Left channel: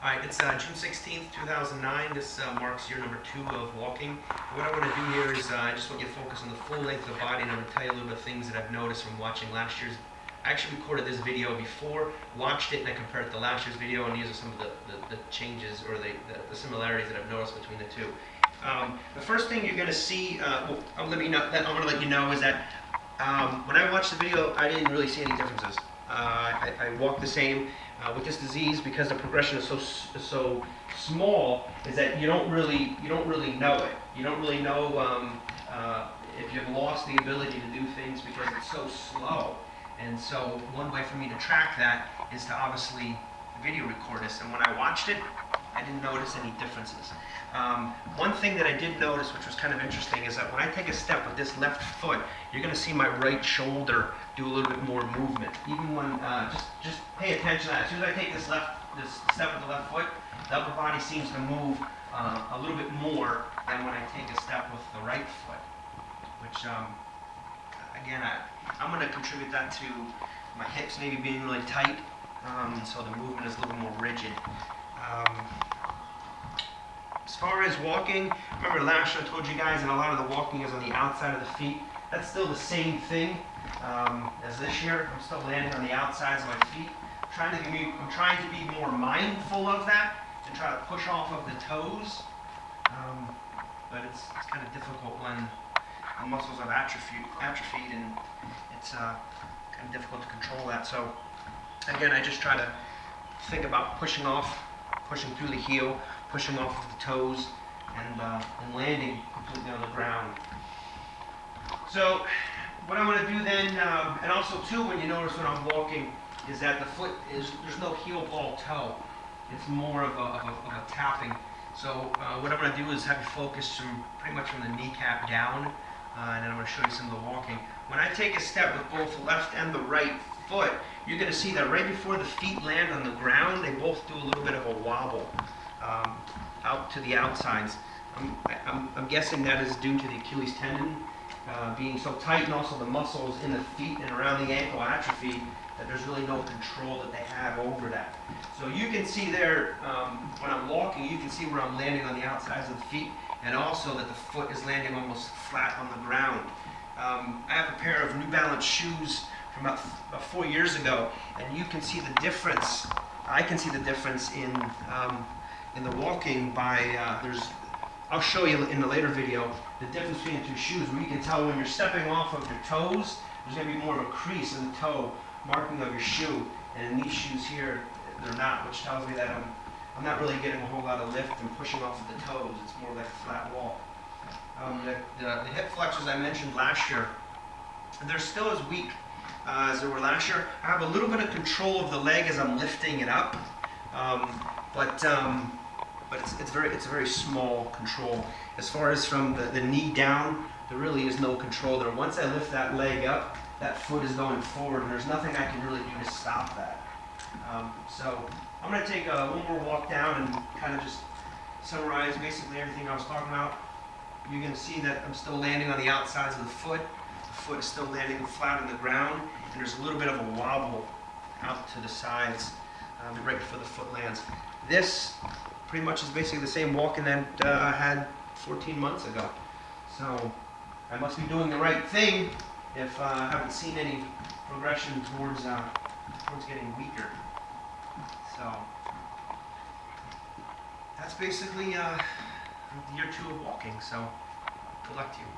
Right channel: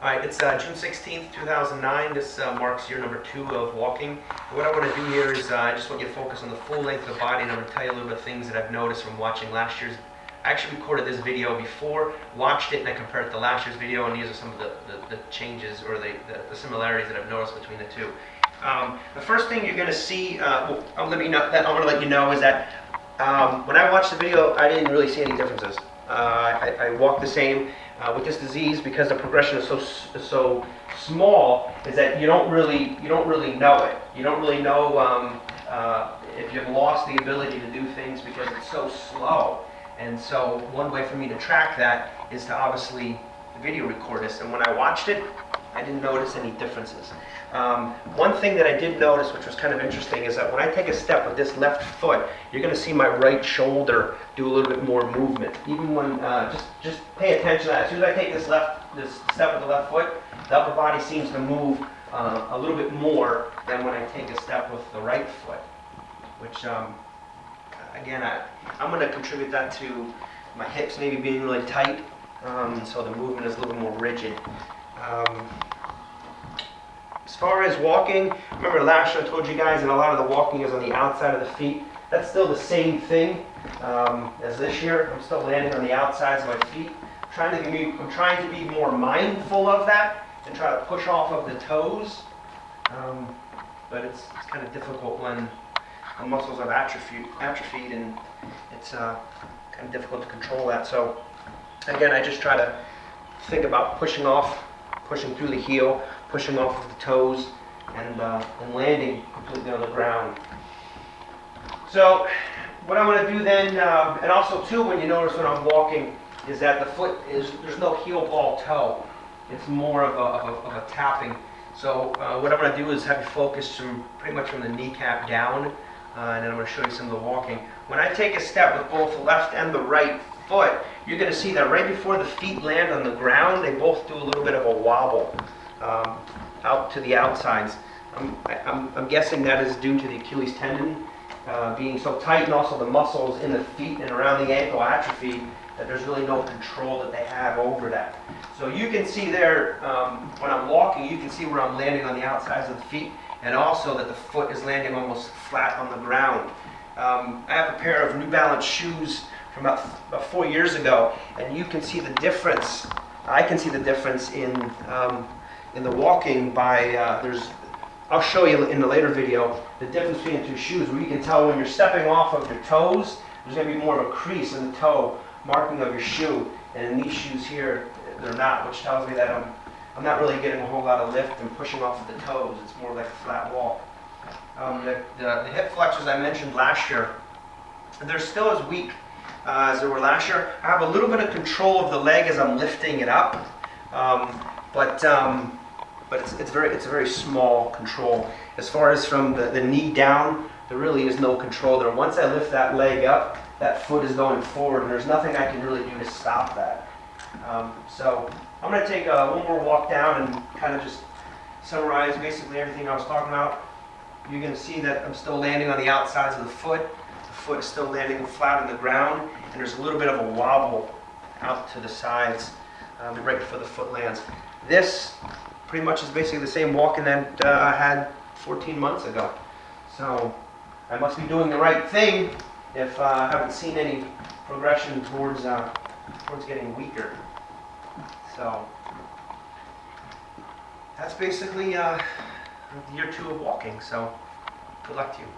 All right, it's June 16th, 2009. This marks year number 2 of walking. And what I want to do here is I just want you to focus on the full length of the body, and I'm going to tell you a little bit of things that I've noticed from watching last year's. I actually recorded this video before, watched it, and I compared it to last year's video, and these are some of the changes or the similarities that I've noticed between the two. The first thing you're going to see, I'm going to let you know is that when I watched the video, I didn't really see any differences. I walk the same. With this disease, because the progression is so small, is that you don't really know it. You don't really know if you've lost the ability to do things because it's so slow. And so one way for me to track that is to obviously video record this. And when I watched it, I didn't notice any differences. One thing that I did notice, which was kind of interesting, is that when I take a step with this left foot, you're going to see my right shoulder do a little bit more movement. Even when, just pay attention to that. As soon as I take this step with the left foot, the upper body seems to move a little bit more than when I take a step with the right foot. Which, again, I'm going to contribute that to my hips maybe being really tight, so the movement is a little bit more rigid. As far as walking, remember last year I told you guys that a lot of the walking is on the outside of the feet. That's still the same thing as this year. I'm still landing on the outsides of my feet. I'm trying to be more mindful of that and try to push off of the toes. But it's kind of difficult when the muscles are atrophied and it's kind of difficult to control that. So again, I just try to think about pushing through the heel, pushing off of the toes, and landing completely on the ground. So what I'm going to do then, and also too, when you notice when I'm walking, is that the foot there's no heel ball toe. It's more of a tapping. So what I'm going to do is have you focus pretty much from the kneecap down, and then I'm going to show you some of the walking. When I take a step with both the left and the right foot, you're going to see that right before the feet land on the ground, they both do a little bit of a wobble out to the outsides. I'm guessing that is due to the Achilles tendon being so tight, and also the muscles in the feet and around the ankle atrophy, that there's really no control that they have over that. So you can see there, when I'm walking, you can see where I'm landing on the outsides of the feet, and also that the foot is landing almost flat on the ground. I have a pair of New Balance shoes from about 4 years ago, and you can see the difference. I can see the difference in the walking by, I'll show you in the later video the difference between the two shoes, where you can tell when you're stepping off of your toes, there's going to be more of a crease in the toe marking of your shoe, and in these shoes here, they're not, which tells me that I'm not really getting a whole lot of lift and pushing off of the toes. It's more like a flat walk. The hip flexors I mentioned last year, they're still as weak as they were last year. I have a little bit of control of the leg as I'm lifting it up, but it's a very small control. As far as from the knee down, there really is no control there. Once I lift that leg up, that foot is going forward, and there's nothing I can really do to stop that. So I'm going to take one more walk down and kind of just summarize basically everything I was talking about. You're going to see that I'm still landing on the outsides of the foot. The foot is still landing flat on the ground, and there's a little bit of a wobble out to the sides right before the foot lands. This pretty much is basically the same walking that I had 14 months ago. So I must be doing the right thing if I haven't seen any progression towards getting weaker. So that's basically year 2 of walking. So good luck to you.